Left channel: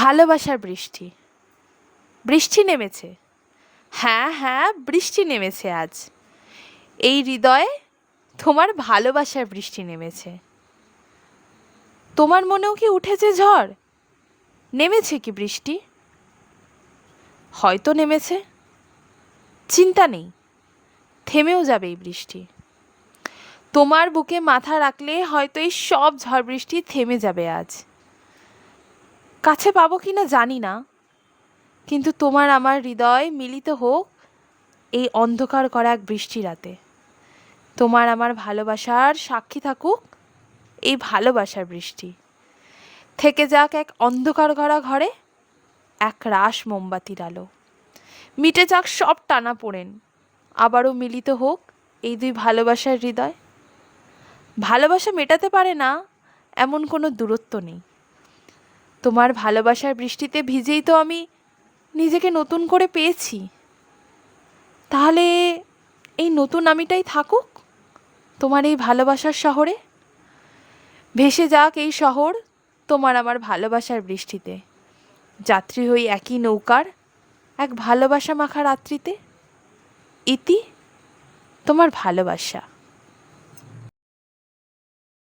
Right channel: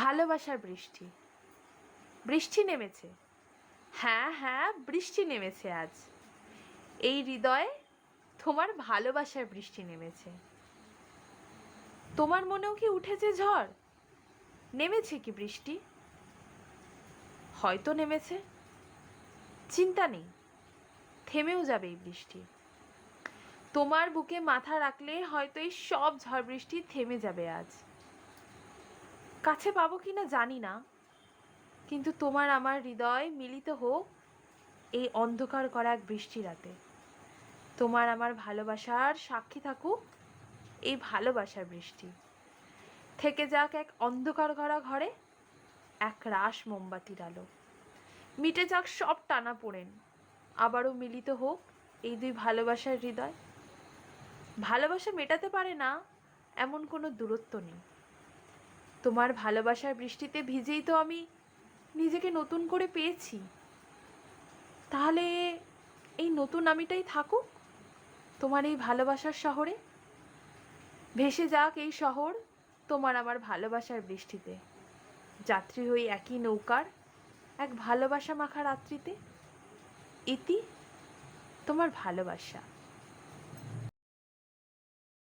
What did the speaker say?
ভালোবাসার বৃষ্টি। বৃষ্টি নেমেছে। হ্যাঁ হ্যাঁ, বৃষ্টি নেমেছে আজ। এই হৃদয়ে তোমার ভালোবাসার বৃষ্টি নেমেছে। তোমার মনেও কি উঠেছে ঝড়? নেমেছে কি বৃষ্টি? হয়তো নেমেছে, চিন্তা নেই, থেমেও যাবে এই বৃষ্টি। তোমার বুকে মাথা রাখলে হয়তো এই সব ঝড় বৃষ্টি থেমে যাবে আজ। কাছে পাবো কিনা জানি না, কিন্তু তোমার আমার হৃদয় মিলিত হোক এই অন্ধকার করা এক বৃষ্টি রাতে। তোমার আমার ভালোবাসার সাক্ষী থাকুক এই ভালোবাসার বৃষ্টি। থেকে যাক এক অন্ধকার করা ঘরে এক রাশ মোমবাতির আলো। মিটে যাক সব টানাপোড়েন, আবারও মিলিত হোক এই দুই ভালোবাসার হৃদয়। ভালোবাসা মেটাতে পারে না এমন কোনো দূরত্ব নেই। তোমার ভালোবাসার বৃষ্টিতে ভিজেই তো আমি নিজেকে নতুন করে পেয়েছি। তাহলে এই নতুন আমিটাই থাকুক তোমার এই ভালোবাসার শহরে। ভেসে যাক এই শহর তোমার আমার ভালোবাসার বৃষ্টিতে। যাত্রী হই একই নৌকার এক ভালোবাসা মাখা রাত্রিতে। ইতি তোমার ভালোবাসা।